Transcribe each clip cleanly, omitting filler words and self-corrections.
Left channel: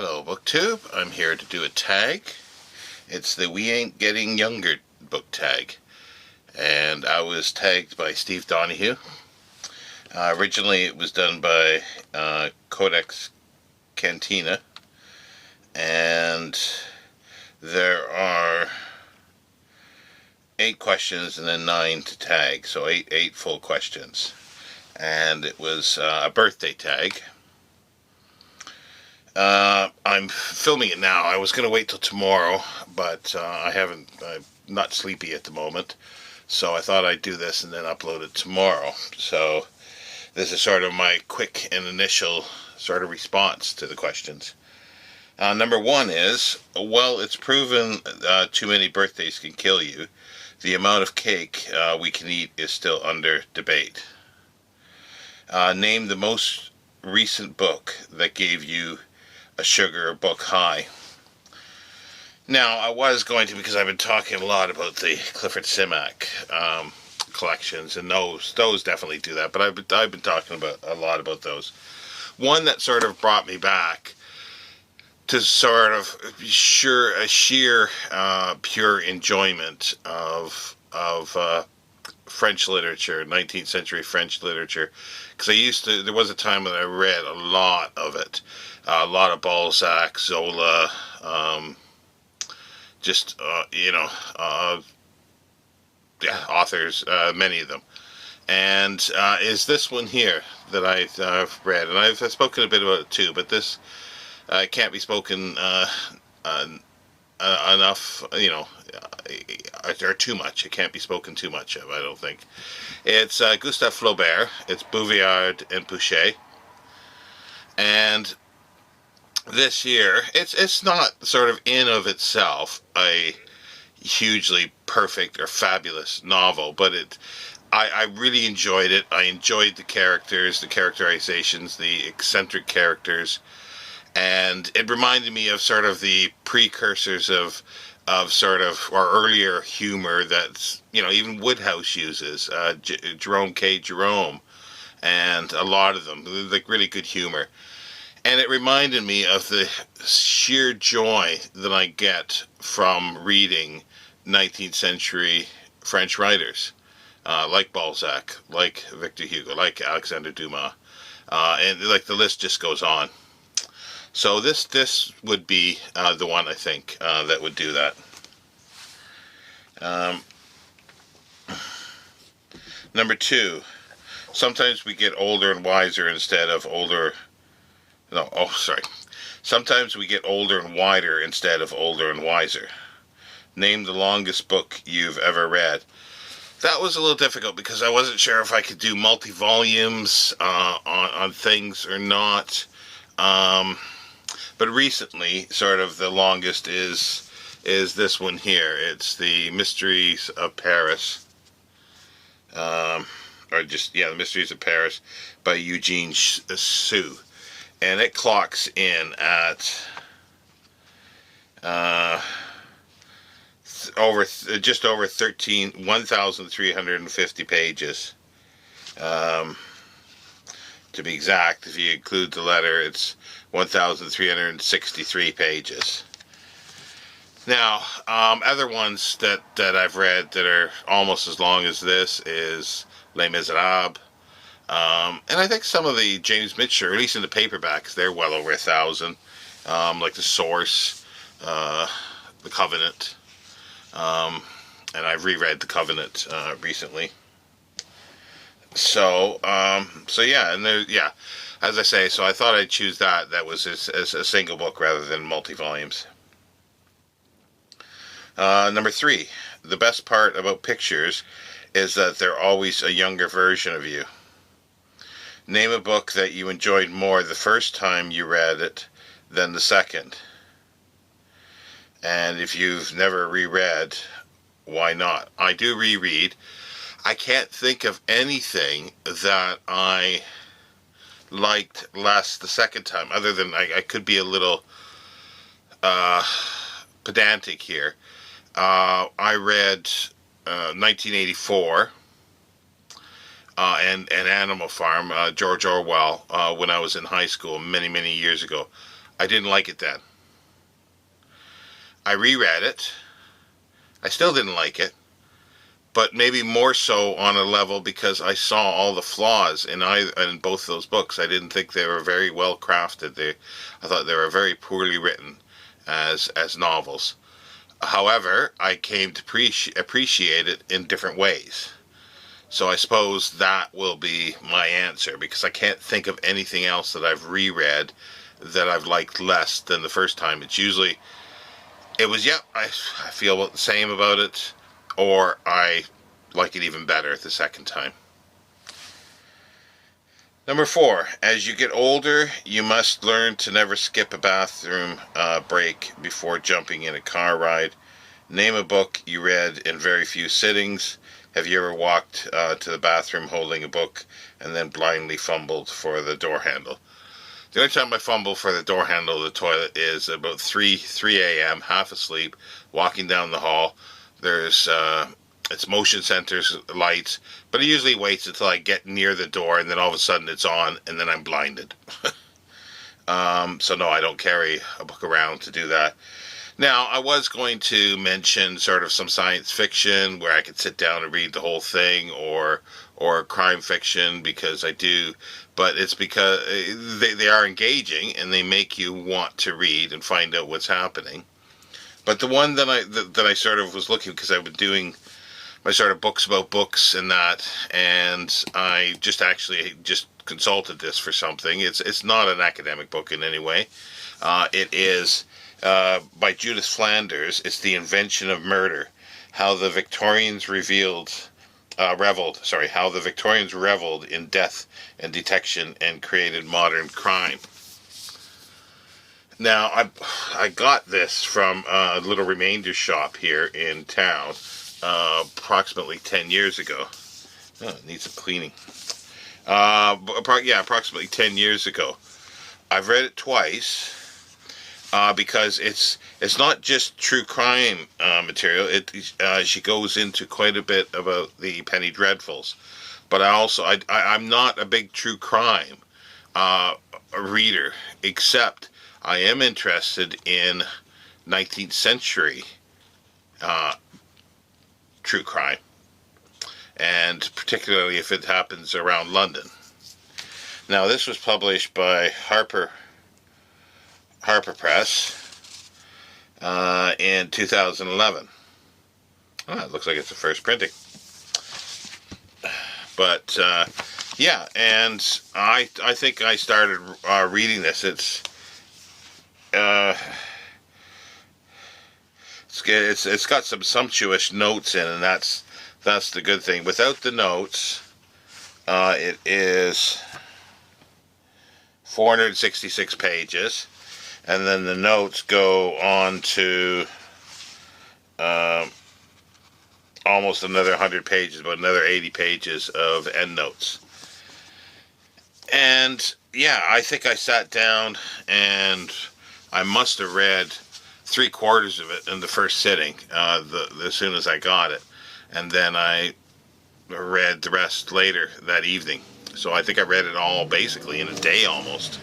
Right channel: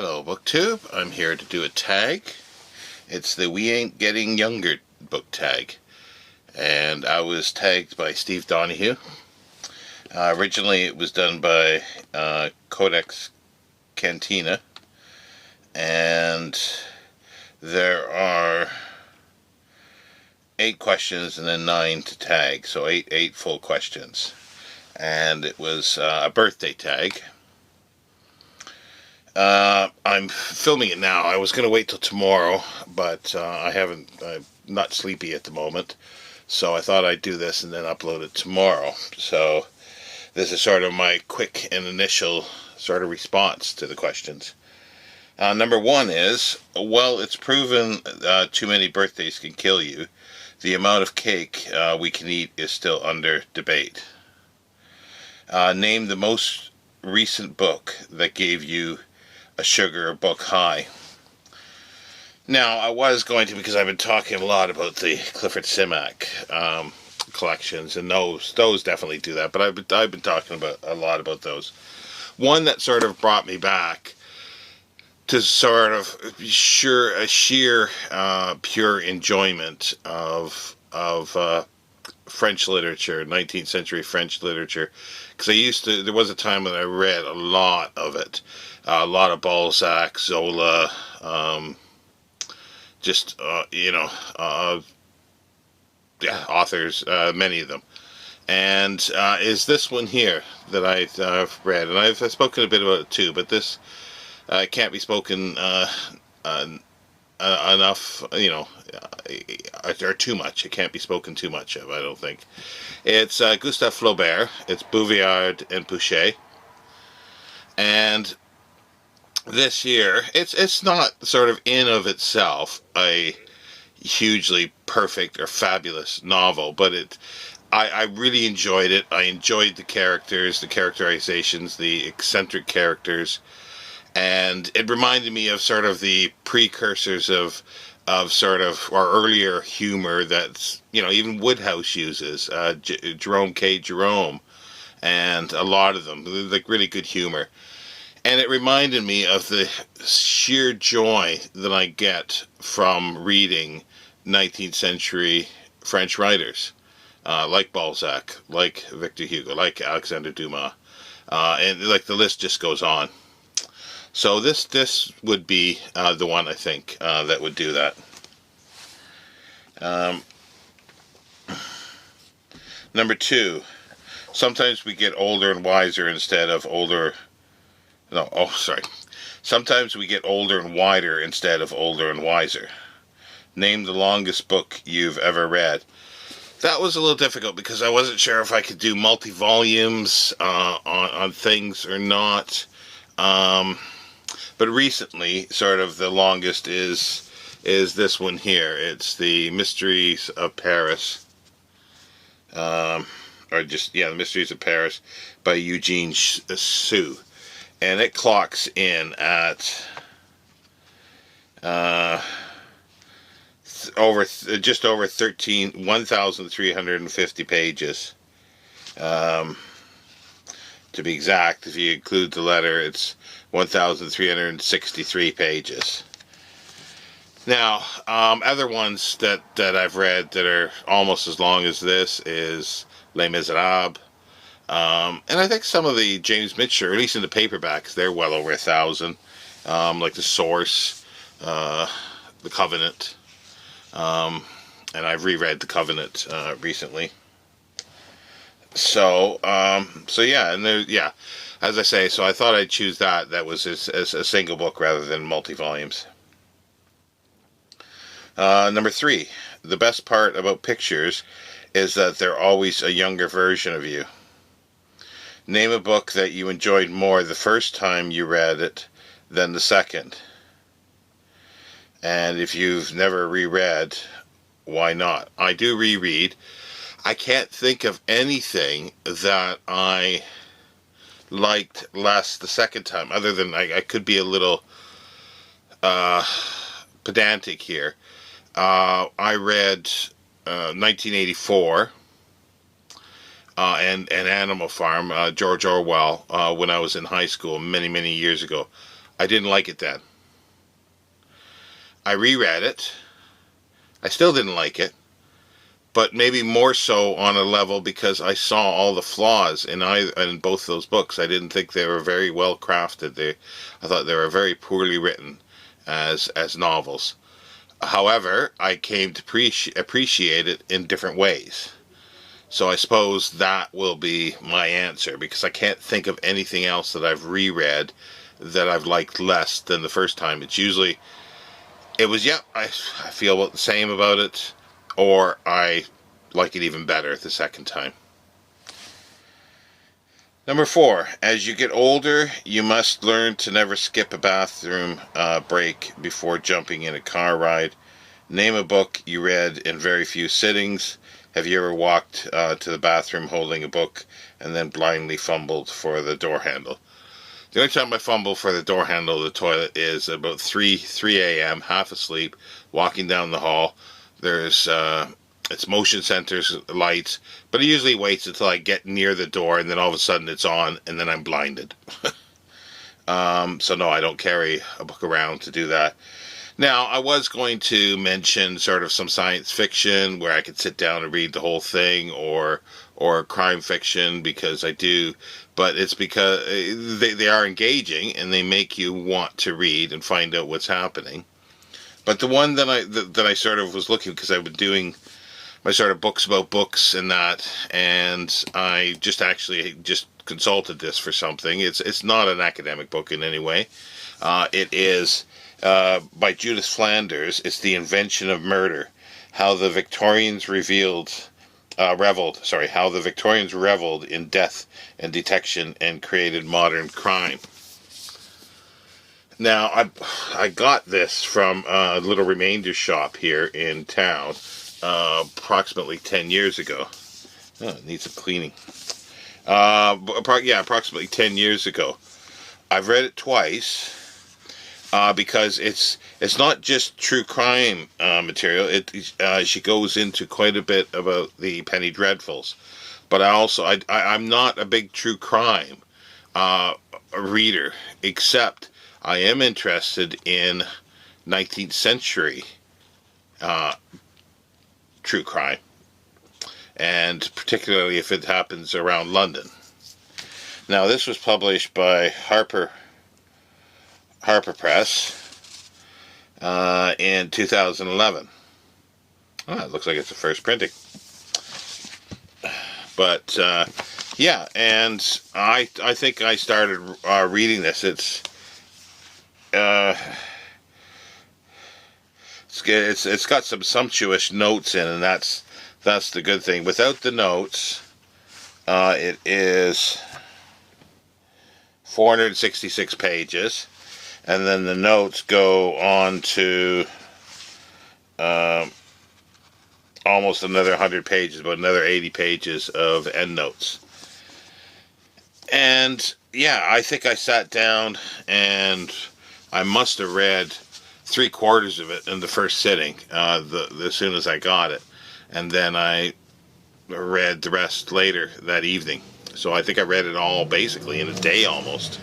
Hello, BookTube. I'm here to do a tag. It's the We Ain't Getting Younger book tag. And I was tagged by Steve Donoghue. Originally it was done by CodeX Cantina. And there are 8 questions and then 9 to tag. So 8 full questions. And it was a birthday tag. I'm filming it now. I was going to wait till tomorrow, but I'm not sleepy at the moment, so I thought I'd do this and then upload it tomorrow. So this is sort of my quick and initial sort of response to the questions. Number 1 is, well, it's proven too many birthdays can kill you. The amount of cake we can eat is still under debate. Name the most recent book that gave you a sugar book high. Now, I was going to, because I've been talking a lot about the Clifford Simak collections, and those definitely do that, but I've been talking about a lot about those. One that sort of brought me back to sort of sheer pure enjoyment of French literature, 19th century French literature, because there was a time when I read a lot of it. A lot of Balzac, Zola, authors, many of them. And is this one here that I've read, and I've spoken a bit about it too, but this can't be spoken enough, or too much. It can't be spoken too much of, I don't think. It's Gustave Flaubert, it's Bouvillard and Pouchet, and this year, it's not sort of in of itself a hugely perfect or fabulous novel, but I really enjoyed it. I enjoyed the characters, the characterizations, the eccentric characters, and it reminded me of sort of the precursors of sort of our earlier humor that even Woodhouse uses, Jerome K. Jerome, and a lot of them, like really good humor. And it reminded me of the sheer joy that I get from reading 19th century French writers, like Balzac, like Victor Hugo, like Alexander Dumas, and like the list just goes on. So this would be the one, I think, that would do that. Number 2, sometimes we get older and wiser instead of older. No, oh, sorry. Sometimes we get older and wider instead of older and wiser. Name the longest book you've ever read. That was a little difficult because I wasn't sure if I could do multi-volumes on things or not. But recently, sort of the longest is this one here. It's The Mysteries of Paris. The Mysteries of Paris by Eugene Sue. And it clocks in at just over 1,350 pages. To be exact, if you include the letter, it's 1,363 pages. Now, other ones that I've read that are almost as long as this is Les Miserables. And I think some of the James Mitchell, or at least in the paperbacks, they're well over 1,000. Like The Source, The Covenant. And I've reread The Covenant recently. So yeah, and as I say, so I thought I'd choose that was as a single book rather than multi-volumes. Number 3, the best part about pictures is that they're always a younger version of you. Name a book that you enjoyed more the first time you read it than the second. And if you've never reread, why not? I do reread. I can't think of anything that I liked less the second time, other than I could be a little pedantic here. I read 1984. And Animal Farm, George Orwell, when I was in high school many, many years ago. I didn't like it then. I reread it. I still didn't like it, but maybe more so on a level because I saw all the flaws in both those books. I didn't think they were very well crafted. I thought they were very poorly written as novels. However, I came to appreciate it in different ways. So I suppose that will be my answer, because I can't think of anything else that I've reread that I've liked less than the first time. I feel the same about it, or I like it even better the second time. Number 4, as you get older, you must learn to never skip a bathroom break before jumping in a car ride. Name a book you read in very few sittings. Have you ever walked to the bathroom holding a book and then blindly fumbled for the door handle? The only time I fumble for the door handle of the toilet is about 3 a.m., half asleep, walking down the hall. There's it's motion sensors, lights, but it usually waits until I get near the door, and then all of a sudden it's on, and then I'm blinded. So no, I don't carry a book around to do that. Now, I was going to mention sort of some science fiction where I could sit down and read the whole thing, or crime fiction, because I do, but it's because they are engaging and they make you want to read and find out what's happening. But the one that I sort of was looking, because I've been doing my sort of books about books and that, and I just consulted this for something. It's not an academic book in any way. It is by Judith Flanders. It's The Invention of Murder: How the Victorians reveled in death and detection and created modern crime. Now, I got this from a little remainder shop here in town approximately 10 years ago. Oh, it needs some cleaning. Approximately 10 years ago. I've read it twice. Because it's not just true crime material. She goes into quite a bit about the Penny Dreadfuls, but I'm not a big true crime reader, except I am interested in 19th century true crime, and particularly if it happens around London. Now, this was published by Harper Press in 2011. It looks like it's the first printing. But and I think I started reading this. It's got some sumptuous notes in, and that's the good thing. Without the notes, it is 466 pages. And then the notes go on to almost another 100 pages, about another 80 pages of endnotes. And I think I sat down and I must have read 3/4 of it in the first sitting, as soon as I got it. And then I read the rest later that evening. So I think I read it all basically in a day almost.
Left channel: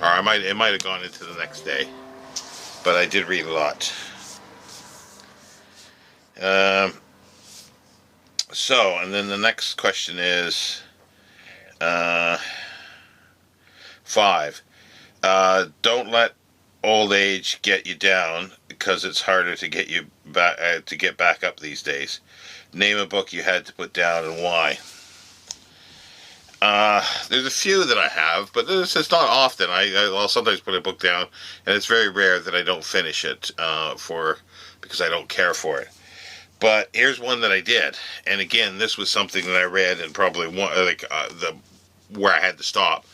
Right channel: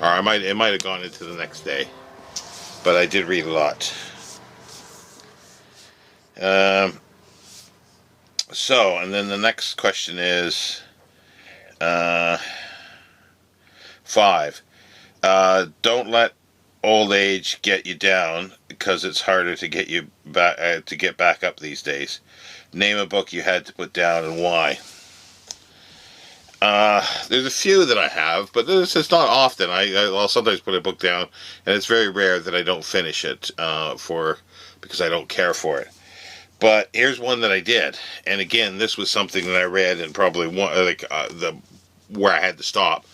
Or it might have gone into the next day, but I did read a lot. And then the next question is 5. Don't let old age get you down, because it's harder to get you back to get back up these days. Name a book you had to put down and why. There's a few that I have, but it's not often. I'll sometimes put a book down, and it's very rare that I don't finish it because I don't care for it. But here's one that I did, and again, this was something that I read, and probably where I had to stop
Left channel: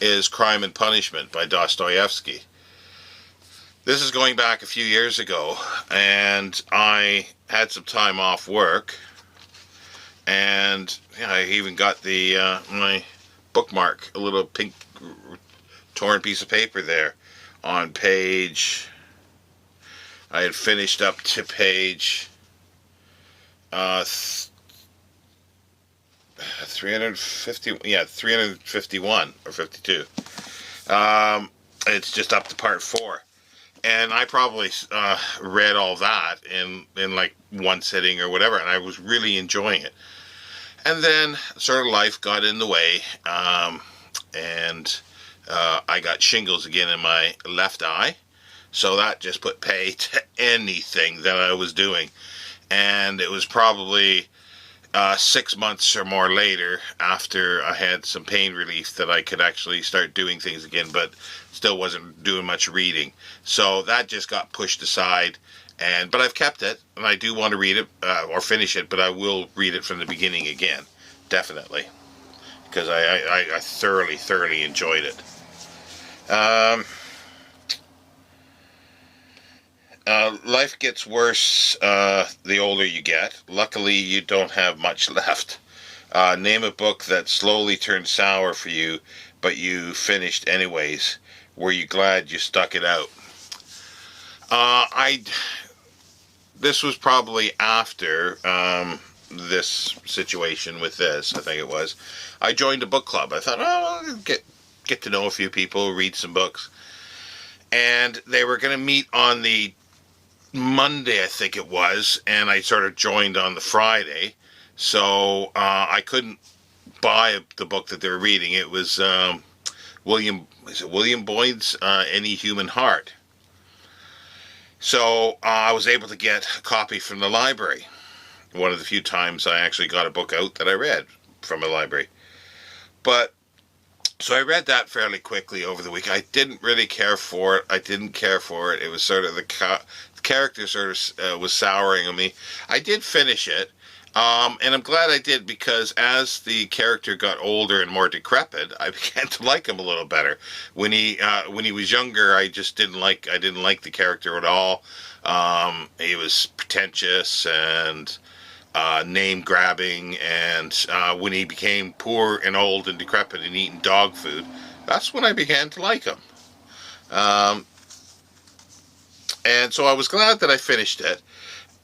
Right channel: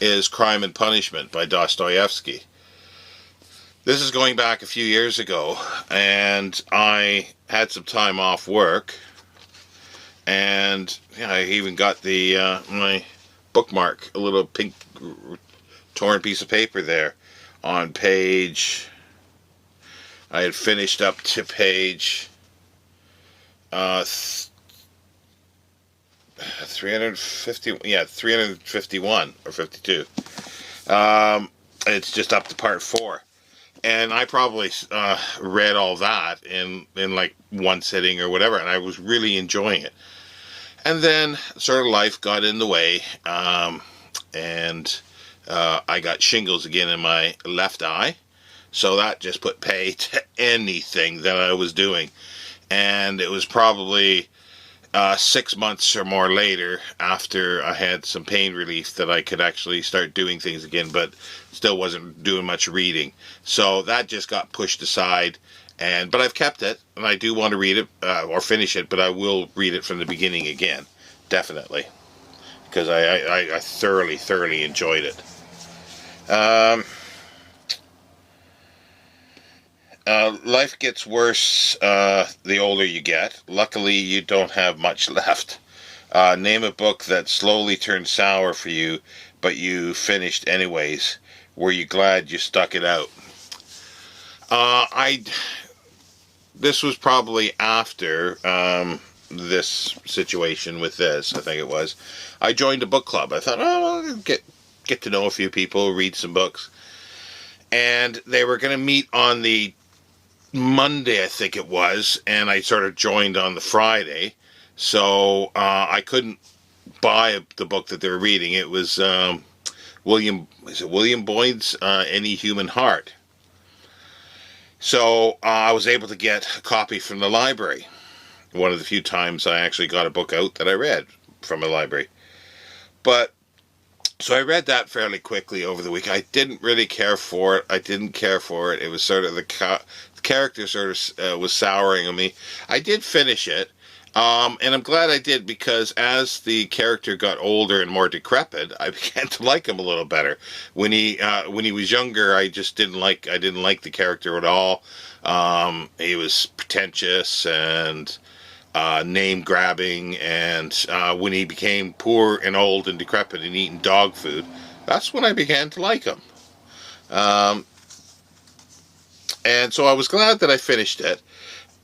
is Crime and Punishment by Dostoevsky. This is going back a few years ago, and I had some time off work. And I even got my bookmark, a little pink torn piece of paper there on page. I had finished up to page 351 or 52. it's just up to part 4. And I probably read all that in like one sitting or whatever, and I was really enjoying it. And then sort of life got in the way, and I got shingles again in my left eye. So that just put pay to anything that I was doing. And it was probably 6 months or more later, after I had some pain relief, that I could actually start doing things again, but still wasn't doing much reading. So that just got pushed aside. But I've kept it, and I do want to read it, or finish it, but I will read it from the beginning again, definitely, because I thoroughly enjoyed it. Life gets worse the older you get. Luckily, you don't have much left. Name a book that slowly turned sour for you, but you finished anyways. Were you glad you stuck it out? This was probably after this situation with this, I think it was. I joined a book club. I thought, oh, I'll get to know a few people, read some books. And they were going to meet on the Monday, I think it was, and I sort of joined on the Friday. So I couldn't buy the book that they were reading. It was William Boyd's Any Human Heart. So I was able to get a copy from the library. One of the few times I actually got a book out that I read from a library. So I read that fairly quickly over the week. I didn't really care for it. It was sort of the character sort of was souring on me. I did finish it. And I'm glad I did, because as the character got older and more decrepit, I began to like him a little better. When he was younger, I didn't like the character at all. He was pretentious and name grabbing, and when he became poor and old and decrepit and eating dog food, that's when I began to like him. And so I was glad that I finished it.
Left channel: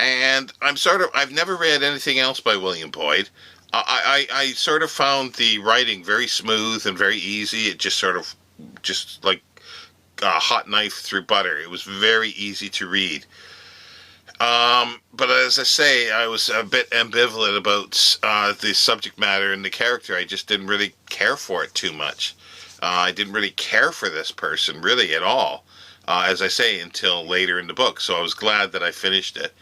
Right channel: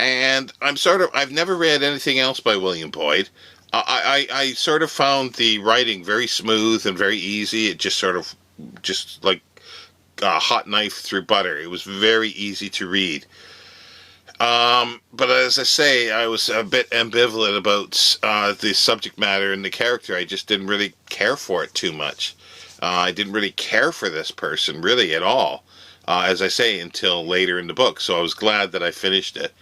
And I've never read anything else by William Boyd. I sort of found the writing very smooth and very easy. It just like a hot knife through butter. It was very easy to read. But as I say, I was a bit ambivalent about the subject matter and the character. I just didn't really care for it too much. I didn't really care for this person really at all, as I say, until later in the book. So I was glad that I finished it.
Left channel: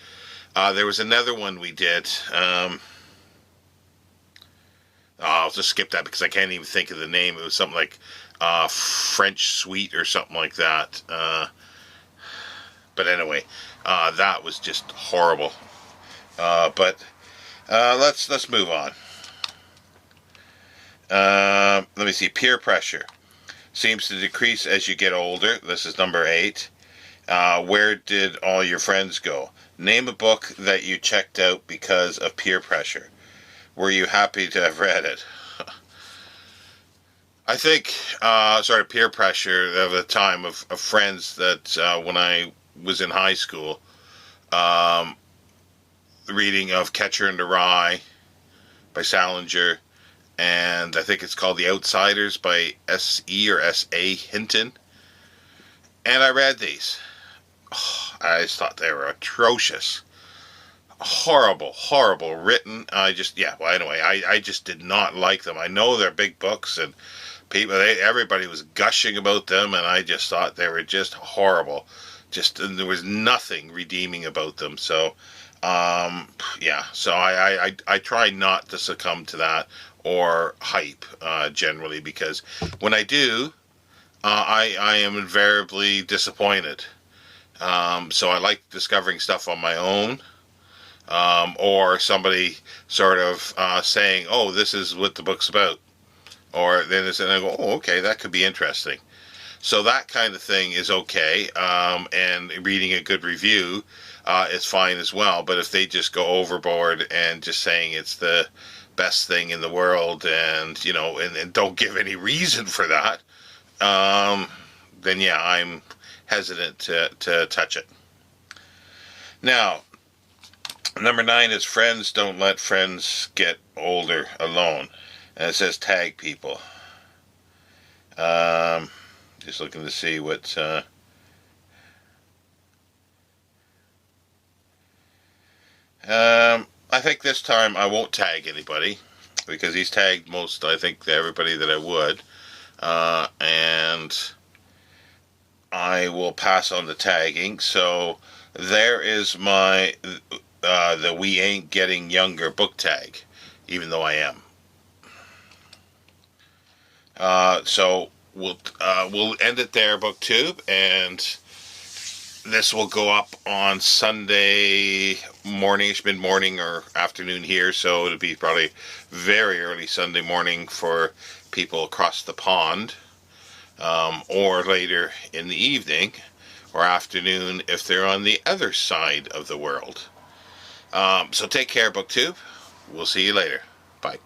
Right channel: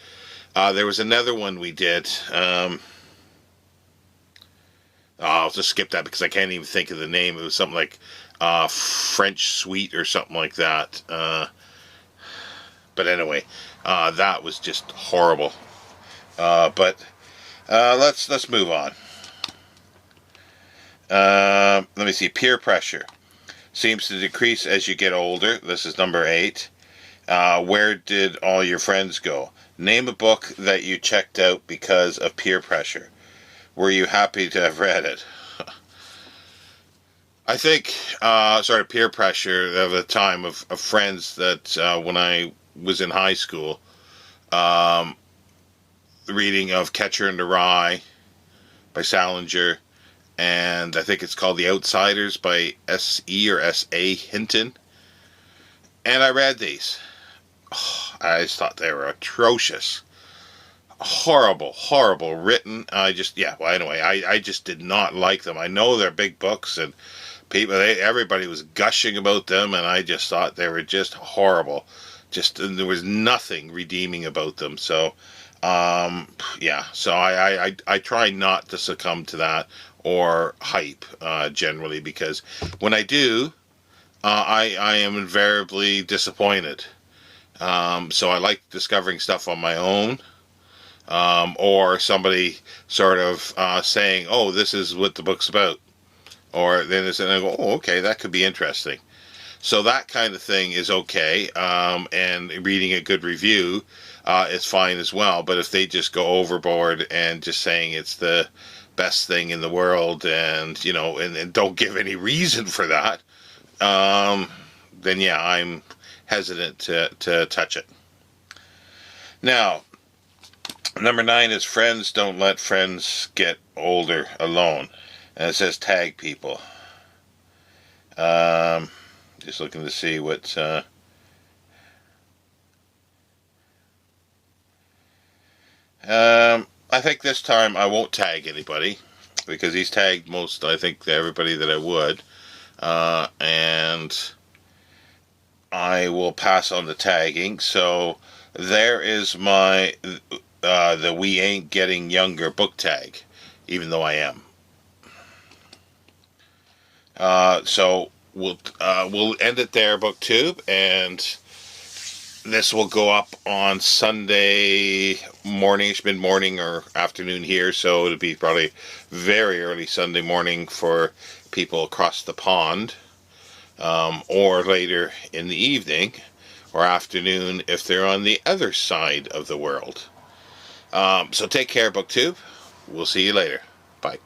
There was another one we did. I'll just skip that because I can't even think of the name. It was something like French Sweet or something like that. But anyway, that was just horrible. But let's move on. Let me see. Peer pressure seems to decrease as you get older. This is number 8. Where did all your friends go? Name a book that you checked out because of peer pressure. Were you happy to have read it? I think sort of peer pressure of a time of friends that when I was in high school, reading of Catcher in the Rye by Salinger, and I think it's called The Outsiders by S.E. or S.A. Hinton. And I read these. I just thought they were atrocious. Horrible written. I just did not like them. I know they're big books and everybody was gushing about them, and I just thought they were just horrible. There was nothing redeeming about them. So, so I try not to succumb to that or hype, generally, because when I do, I am invariably disappointed. So I like discovering stuff on my own, or somebody sort of saying, oh, this is what the book's about. Or then I go, oh, okay, that could be interesting. So that kind of thing is okay, and reading a good review is fine as well. But if they just go overboard and just saying it's the best thing in the world, and and don't give any reason for that, then yeah, I'm hesitant to touch it. Now, number 9 is friends don't let friends get older alone. And it says tag people. Just looking to see what... I think this time I won't tag anybody, because he's tagged most, I think, everybody that I would. And I will pass on the tagging. So there is my the We Ain't Getting Younger book tag, even though I am. So we'll end it there, BookTube, and this will go up on Sunday morning, mid-morning or afternoon here, so it'll be probably very early Sunday morning for people across the pond, or later in the evening or afternoon if they're on the other side of the world. So take care, BookTube. We'll see you later. Bye.